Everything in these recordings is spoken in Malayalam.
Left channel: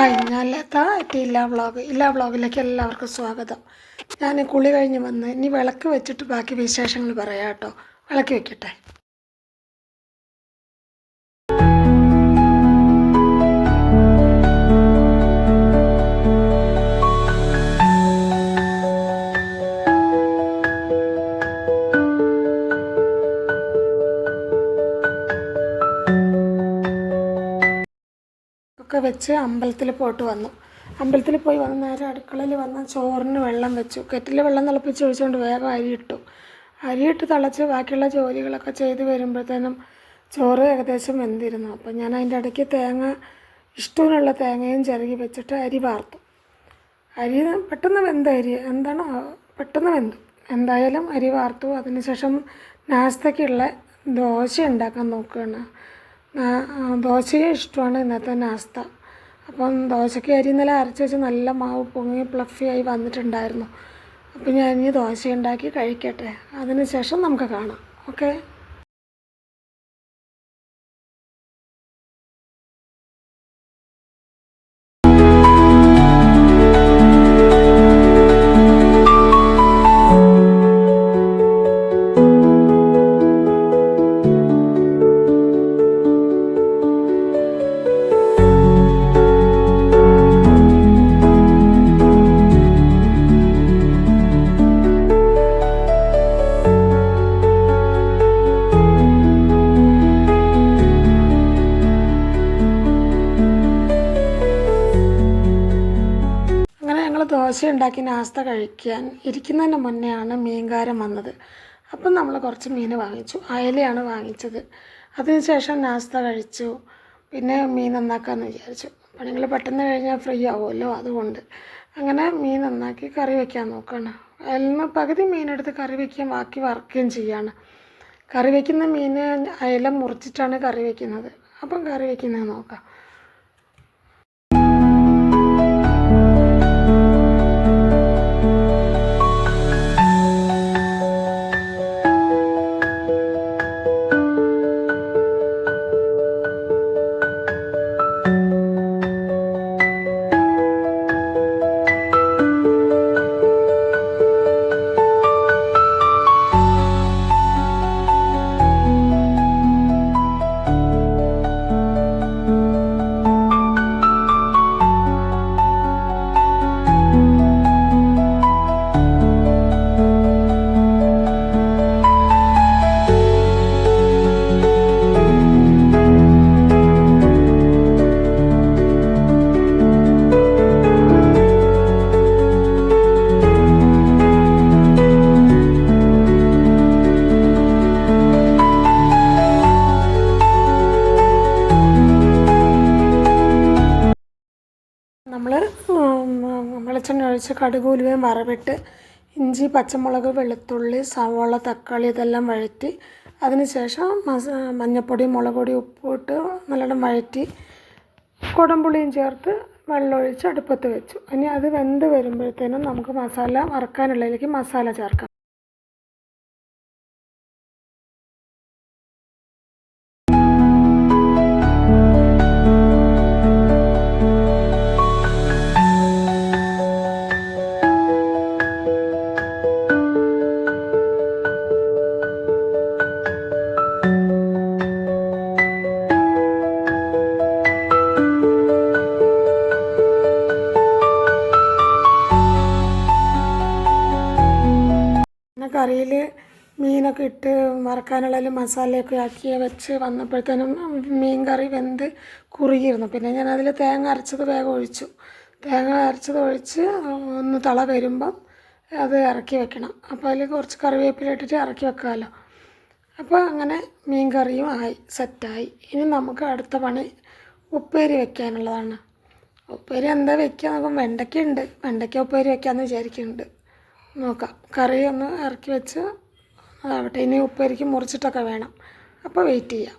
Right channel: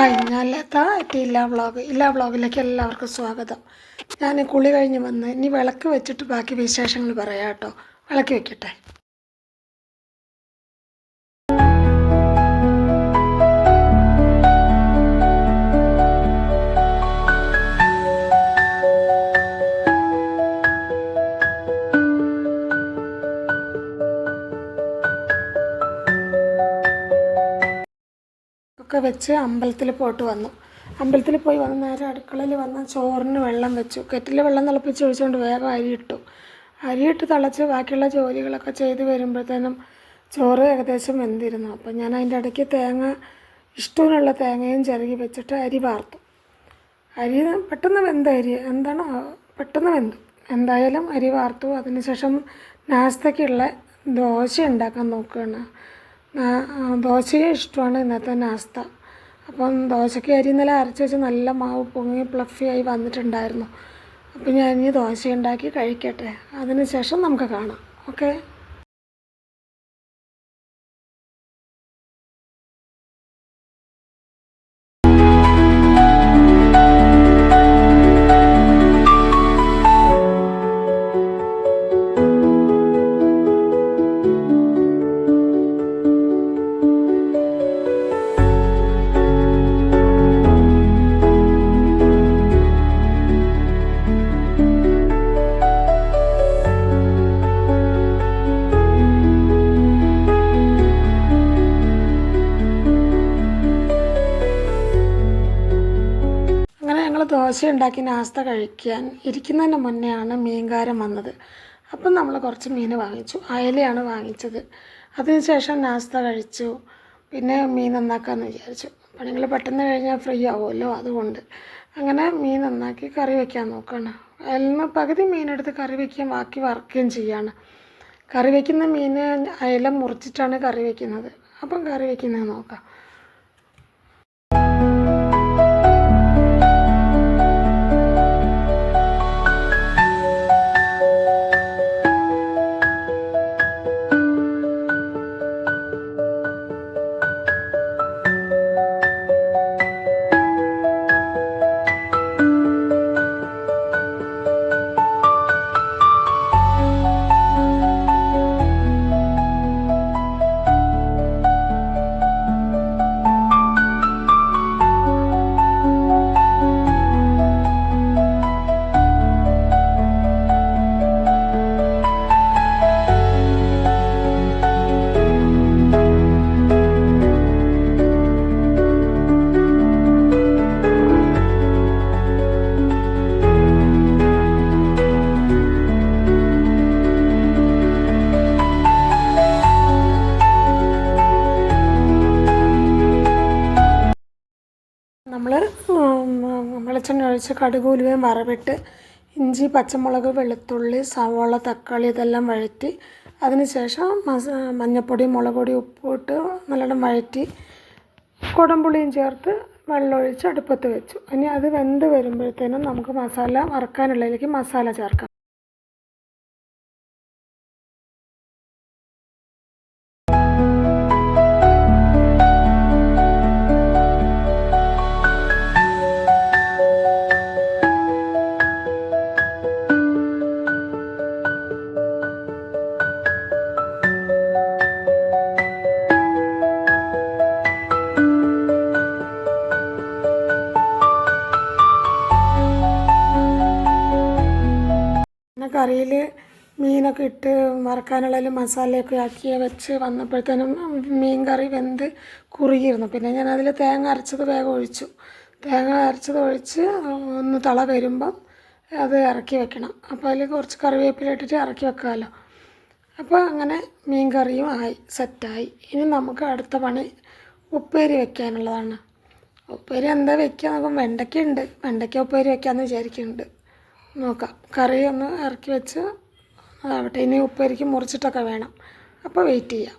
ഹായ്, ഞാൻ ലത. ഇല്ല വ്ളോഗിലേക്ക് എല്ലാവർക്കും സ്വാഗതം. ഞാൻ കുളി കഴിഞ്ഞ് വന്ന് ഇനി വിളക്ക് വെച്ചിട്ട് ബാക്കി വിശേഷങ്ങൾ പറയാം കേട്ടോ. വിളക്ക് വെക്കട്ടെ. ഒക്കെ വെച്ച് അമ്പലത്തിൽ പോയിട്ട് വന്നു. അമ്പലത്തിൽ പോയി വന്ന് നേരെ അടുക്കളയിൽ വന്ന് ചോറിന് വെള്ളം വെച്ചു. കെറ്റിൽ വെള്ളം തിളപ്പിച്ച് ഒഴിച്ചുകൊണ്ട് വേഗം അരിയിട്ട് തിളച്ച് ബാക്കിയുള്ള ജോലികളൊക്കെ ചെയ്ത് വരുമ്പോഴത്തേനും ചോറ് ഏകദേശം വെന്തിരുന്നു. അപ്പം ഞാൻ അതിൻ്റെ ഇടയ്ക്ക് ഇഷ്ടമുള്ള തേങ്ങയും ചിരകി വെച്ചിട്ട് അരി വാർത്തു. അരി പെട്ടെന്ന് വെന്ത അരി പെട്ടെന്ന് വെന്തു. എന്തായാലും അരി വാർത്തു. അതിനുശേഷം നാസ്തയ്ക്കുള്ള ദോശ ഉണ്ടാക്കാൻ നോക്കുകയാണ്. ദോശയും ഇഷ്ടമാണ് ഇന്നത്തെ നാസ്ത. അപ്പം ദോശയ്ക്ക് അരി ഇന്നലെ അരച്ച് വെച്ച് നല്ല മാവ് പൊങ്ങി പ്ലഫിയായി വന്നിട്ടുണ്ടായിരുന്നു. അപ്പം ഞാൻ ഇനി ദോശ ഉണ്ടാക്കി കഴിക്കട്ടെ. അതിന് ശേഷം നമുക്ക് കാണാം. ഓക്കെ. ദോശ ഉണ്ടാക്കി നാസ്ത കഴിക്കാൻ ഇരിക്കുന്നതിന് മുന്നെയാണ് മീൻകാരൻ വന്നത്. അപ്പം നമ്മൾ കുറച്ച് മീൻ വാങ്ങിച്ചു. അയലയാണ് വാങ്ങിച്ചത്. അതിനുശേഷം നാസ്ത കഴിച്ചു. പിന്നെ മീൻ നന്നാക്കാമെന്ന് വിചാരിച്ചു. പണികൾ പെട്ടെന്ന് കഴിഞ്ഞാൽ ഫ്രീ ആവുമല്ലോ, അതുകൊണ്ട് അങ്ങനെ മീൻ നന്നാക്കി കറി വയ്ക്കാൻ നോക്കുകയാണ്. അതിൽ നിന്ന് പകുതി മീനെടുത്ത് കറി വയ്ക്കുകയും ബാക്കി വറുക്കുകയും ചെയ്യാണ്. കറി വയ്ക്കുന്ന മീൻ അയല മുറിച്ചിട്ടാണ് കറി വയ്ക്കുന്നത്. അപ്പം കറി വയ്ക്കുന്നത് നോക്കാം. നമ്മൾ വെളിച്ചെണ്ണ ഒഴിച്ച് കടുക് ഉലുവയും വറവിട്ട് ഇഞ്ചി, പച്ചമുളക്, വെളുത്തുള്ളി, സവാള, തക്കാളി ഇതെല്ലാം വഴറ്റി അതിനുശേഷം മഞ്ഞൾപ്പൊടി, മുളക് പൊടി, ഉപ്പിട്ട് നല്ലോണം വഴറ്റി കുടംപുളിയും ചേർത്ത് വെള്ളമൊഴിച്ച് അടുപ്പത്ത് വെച്ചു. ഇനി അത് വെന്ത് വരുമ്പോഴത്തേനും നമുക്ക് വറക്കാനുള്ളതിലേക്ക് മസാല ചേർക്കാം. കറിയിൽ മീനൊക്കെ ഇട്ട് വറക്കാനുള്ളതിൽ മസാലയൊക്കെ ആക്കി വെച്ച് വന്നപ്പോഴത്തേനും മീൻ കറി വെന്ത് കുറുകിയിരുന്നു. പിന്നെ ഞാനതിൽ തേങ്ങ അരച്ചത് വേഗം ഒഴിച്ചു. തേങ്ങ അരച്ചത് ഒഴിച്ച് ഒന്ന് തള വരുമ്പം അത് ഇറക്കി വെക്കണം. അപ്പോൾ അതിൽ കുറച്ച് കറിവേപ്പില ഇട്ടിട്ട് ഇറക്കി വെക്കാമല്ലോ. അപ്പോൾ അങ്ങനെ മീൻ കറിയും സെറ്റായി. ഇനി നമുക്ക് അടുത്ത പണി ഉപ്പേരി വെക്കാനുള്ളതാണ്. ഉപ്പേരി എന്താ വെക്കുക നോക്കാം. വെണ്ടയ്ക്ക ഉപ്പേരി വെക്കാമെന്ന് വിചാരിക്കുന്നുണ്ട്. നോക്കാം. കറി ഒന്ന് ഇറക്കി വെച്ച് അതാവട്ടെ. ഇനി ഉപ്പേരിക്ക് മുറിച്ചിട്ടൊക്കെ വേണം. അപ്പോൾ വെയിറ്റ് ചെയ്യാം.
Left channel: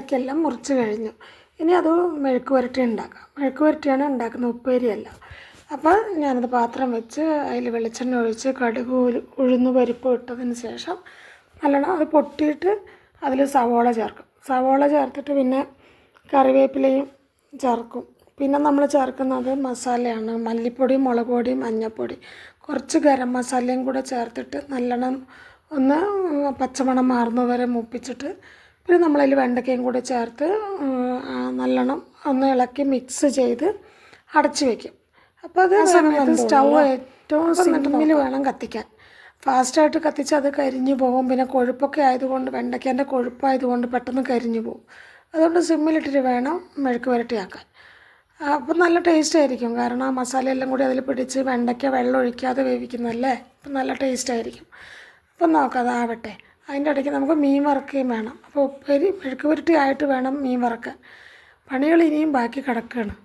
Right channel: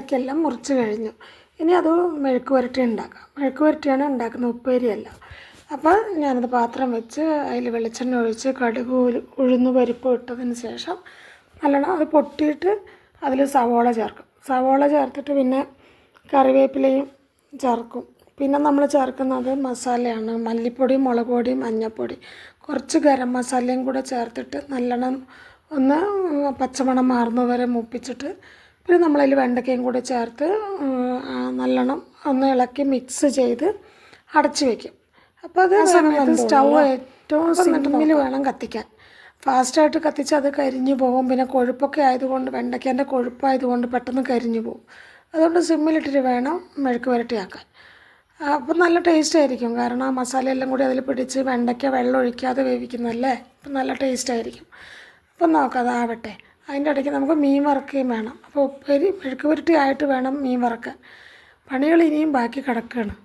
വെണ്ടയ്ക്കെല്ലാം മുറിച്ച് കഴിഞ്ഞു. ഇനി അത് മെഴുക്ക് പുരട്ടി ഉണ്ടാക്കാം. മെഴുക്ക് പുരട്ടിയാണ് ഉണ്ടാക്കുന്നത്, ഉപ്പേരിയല്ല. അപ്പോൾ ഞാനത് പാത്രം വെച്ച് അതിൽ വെളിച്ചെണ്ണ ഒഴിച്ച് കടുക് ഉഴുന്ന് പരിപ്പ് ഇട്ടതിന് ശേഷം നല്ലോണം അത് പൊട്ടിയിട്ട് അതിൽ സവോള ചേർക്കും. സവോള ചേർത്തിട്ട് പിന്നെ കറിവേപ്പിലയും ചേർക്കും. പിന്നെ നമ്മൾ ചേർക്കുന്നത് മസാലയാണ്, മല്ലിപ്പൊടി, മുളക് പൊടി, മഞ്ഞൾപ്പൊടി, കുറച്ച് ഗരം മസാലയും കൂടെ ചേർത്തിട്ട് നല്ലോണം ഒന്ന് പച്ചമണം മാറുന്നത് വരെ മൂപ്പിച്ചിട്ട് പിന്നെ നമ്മളതിൽ വെണ്ടയ്ക്കയും കൂടെ ചേർത്ത് നല്ലോണം ഒന്ന് ഇളക്കി മിക്സ് ചെയ്ത് അടച്ച് വയ്ക്കും. അപ്പോൾ അത് സമയത്ത് സ്റ്റൗ ഏറ്റവും സിമ്മിൽ വേണം കത്തിക്കാൻ. ഫാസ്റ്റായിട്ട് കത്തിച്ച് അത് കരിഞ്ഞു പോകും. പിന്നെ കൊഴുപ്പൊക്കെ ആയതുകൊണ്ട്, വെണ്ടയ്ക്കേൻ്റെ കൊഴുപ്പായതുകൊണ്ട് പെട്ടെന്ന് കരിഞ്ഞു പോകും. അതുകൊണ്ട് സിമ്മിലിട്ടിട്ട് വേണം മെഴുക്ക് പുരട്ടിയാക്കാൻ. അപ്പം നല്ല ടേസ്റ്റ് ആയിരിക്കും. കാരണം ആ മസാലയെല്ലാം കൂടി അതിൽ പിടിച്ച് വെണ്ടയ്ക്ക വെള്ളം ഒഴിക്കാതെ വേവിക്കുന്നതല്ലേ, അപ്പം നല്ല ടേസ്റ്റ് ആയിരിക്കും. അപ്പം നോക്കാം, അതാവട്ടെ. അതിൻ്റെ ഇടയ്ക്ക് നമുക്ക് മീൻ വറുക്കുകയും വേണം. അപ്പോൾ ഉപ്പേരി മെഴുക്ക് പുരട്ടി ആയിട്ട് വേണം മീൻ വറുക്കാൻ. പണികൾ ഇനിയും ബാക്കി കിടക്കുകയാണ്.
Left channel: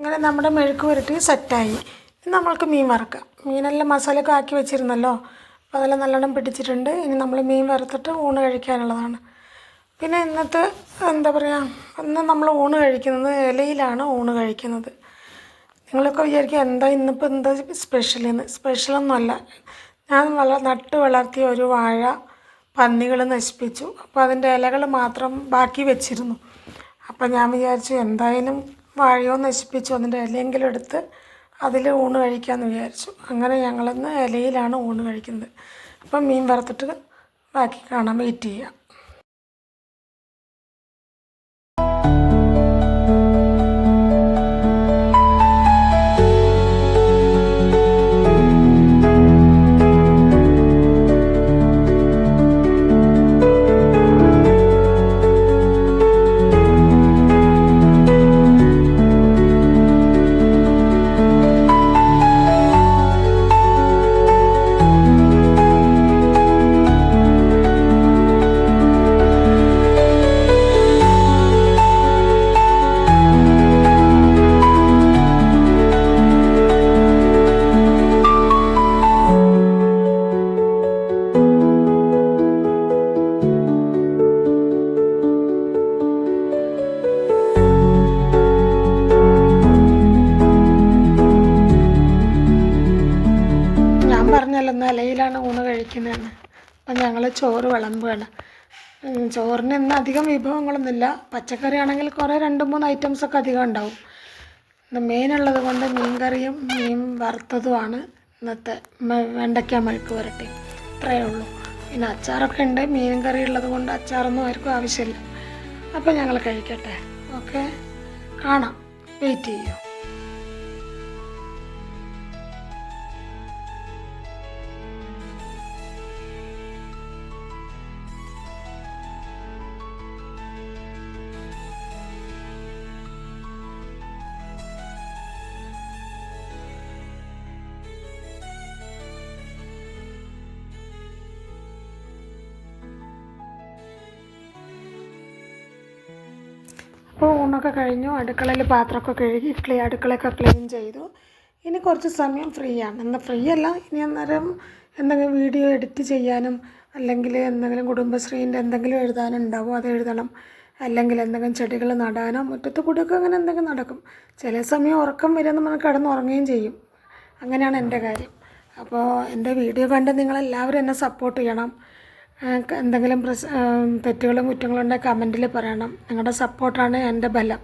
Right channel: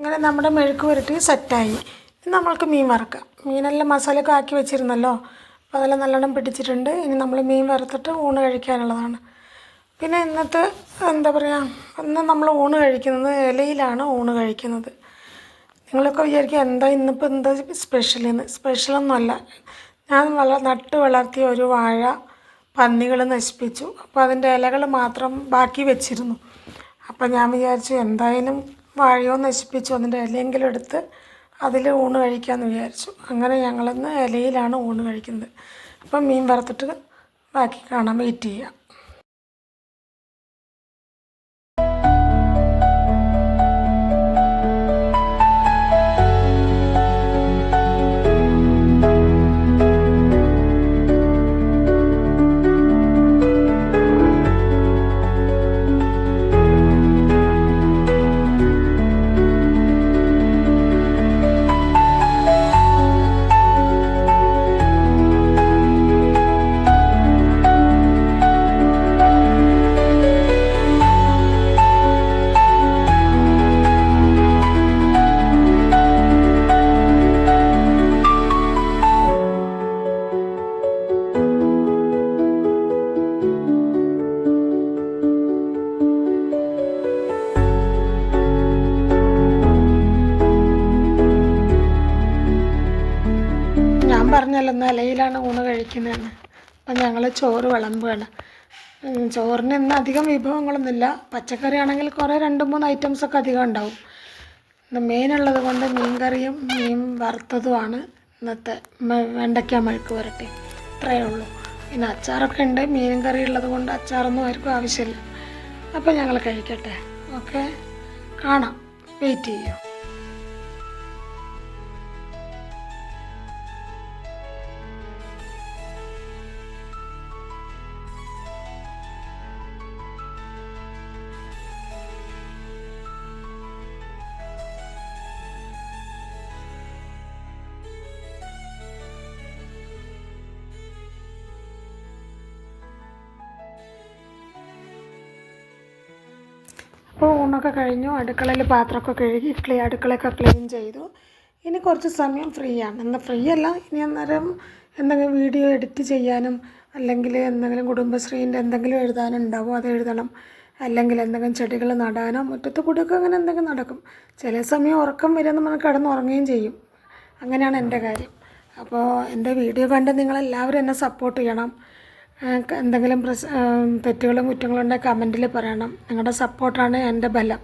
അങ്ങനെ നമ്മുടെ മെഴുക്ക് പുരട്ടി സെറ്റായി. ഇനി നമ്മൾക്ക് മീൻ വറുക്കാം. മീനെല്ലാം മസാലയൊക്കെ ആക്കി വെച്ചിരുന്നല്ലോ, അപ്പോൾ അതെല്ലാം നല്ലോണം പിടിച്ചിട്ടുണ്ട്. ഇനി നമ്മൾ മീൻ വറുത്തിട്ട് ഊണ് കഴിക്കാനുള്ളതാണ്. പിന്നെ ഇന്നത്തെ എന്താ പറയുക, ഇന്ന് നമ്മൾ ഊണ് കഴിക്കുന്നത് ഇലയിലാണ് ഊണ് കഴിക്കുന്നത്. നിങ്ങളൊക്കെ വിചാരിക്കുക എന്താ ഇന്നിപ്പോൾ എന്താ സ്പെഷ്യലെന്ന്. സ്പെഷ്യലൊന്നുമല്ല, ഞാൻ നട്ട് വളർത്തിയ ഒരു വാഴ പന്നികൾ നശിപ്പിച്ചു. അപ്പോൾ അതിൻ്റെ ഇലകൾ മാത്രം ബാക്കി വെച്ചിരുന്നു. അപ്പം ഞാൻ വിചാരിച്ചു എന്തായാലും വാഴയോ നശിപ്പിച്ചു, അതിൻ്റെ ഇലയെങ്കിലും എടുത്ത് അതിൽ ഊണ് കഴിക്കാമെന്ന് വിചാരിച്ചു. അങ്ങനെ ഞങ്ങളിന്ന് ഇലയിലാണ് ഊണ് കഴിക്കുന്നത്. അപ്പം മീൻ വറുത്തിട്ട് ബാക്കി കാണാൻ വെയിറ്റ് ചെയ്യാം. ഞാൻ പറഞ്ഞല്ലോ ഇന്ന് ഇലയിലാണ് ഊണ് കഴിക്കുന്നതെന്ന്. അപ്പം ഞങ്ങൾ ചോറ് വിളമ്പുകയാണ്. ചോറിന് ഇന്ന് അധികം വിഭവങ്ങളൊന്നുമില്ല. പച്ചക്കറി ആണെങ്കിൽ കുറേ 2-3 ഐറ്റംസൊക്കെ അധികം ഉണ്ടാവും. ഇന്ന് മെയിനുള്ളത് കൊണ്ട് മീൻ കറിയും മീൻ വറുത്തതുമാണ് ഇന്നത്തെ വെണ്ടയ്ക്ക മെഴുക്ക് പുരട്ടി. ഇത്രയേ ഉള്ളൂ. പിന്നെ അച്ചാറൊക്കെ ഉണ്ട്. മീൻ കറി ഉള്ളത് കൊണ്ട് അച്ചാറൊന്നും ആർക്കും ആവശ്യമില്ല. അപ്പം ഞങ്ങൾ കഴിക്കട്ടെ. ഓക്കെ, കാണാം, വെയിറ്റ് ചെയ്യൂ. അപ്പോൾ ഊണൊക്കെ കഴിഞ്ഞു. അടുക്കളയിൽ പാത്രമൊക്കെ കഴുകി അടുക്കളയൊക്കെ ക്ലീൻ ചെയ്തു. ഇനി കുറച്ച് സമയം ഫ്രീ ആണ്. എന്നാൽ ഫ്രീ അല്ല, ഇനി അന്നേരം എന്തെങ്കിലും വീഡിയോ എഡിറ്റ് ചെയ്യാനും അല്ലെങ്കിൽ എന്തെങ്കിലും കുടുംബശ്രീൻ്റെ എന്തെങ്കിലും എഴുതാനുണ്ടാവും, അത് എഴുതണം. അല്ലെങ്കിൽ എന്തെങ്കിലും ചെടികൾ നടാനോ മുറ്റത്ത് കൂടിയൊക്കെ അങ്ങനെ എന്തെങ്കിലും നടക്കും. ചില സമയം ഉറക്കം വരുമെന്ന് നമ്മൾ കിടന്നുറങ്ങുകയും ചെയ്യും. അങ്ങനെയാണ് എൻ്റെ കാര്യം. അപ്പോൾ എൻ്റെ വീഡിയോ കണ്ട് നിങ്ങളെല്ലാവരും എന്നെ സപ്പോർട്ട് ചെയ്യണം. എന്തെങ്കിലും തെറ്റുകളും കുറ്റങ്ങളും ഉണ്ടെങ്കിൽ കമൻറ്റിൽ പറയണം. നിങ്ങളുടെ സപ്പോർട്ടാണ് എൻ്റെ ബലം.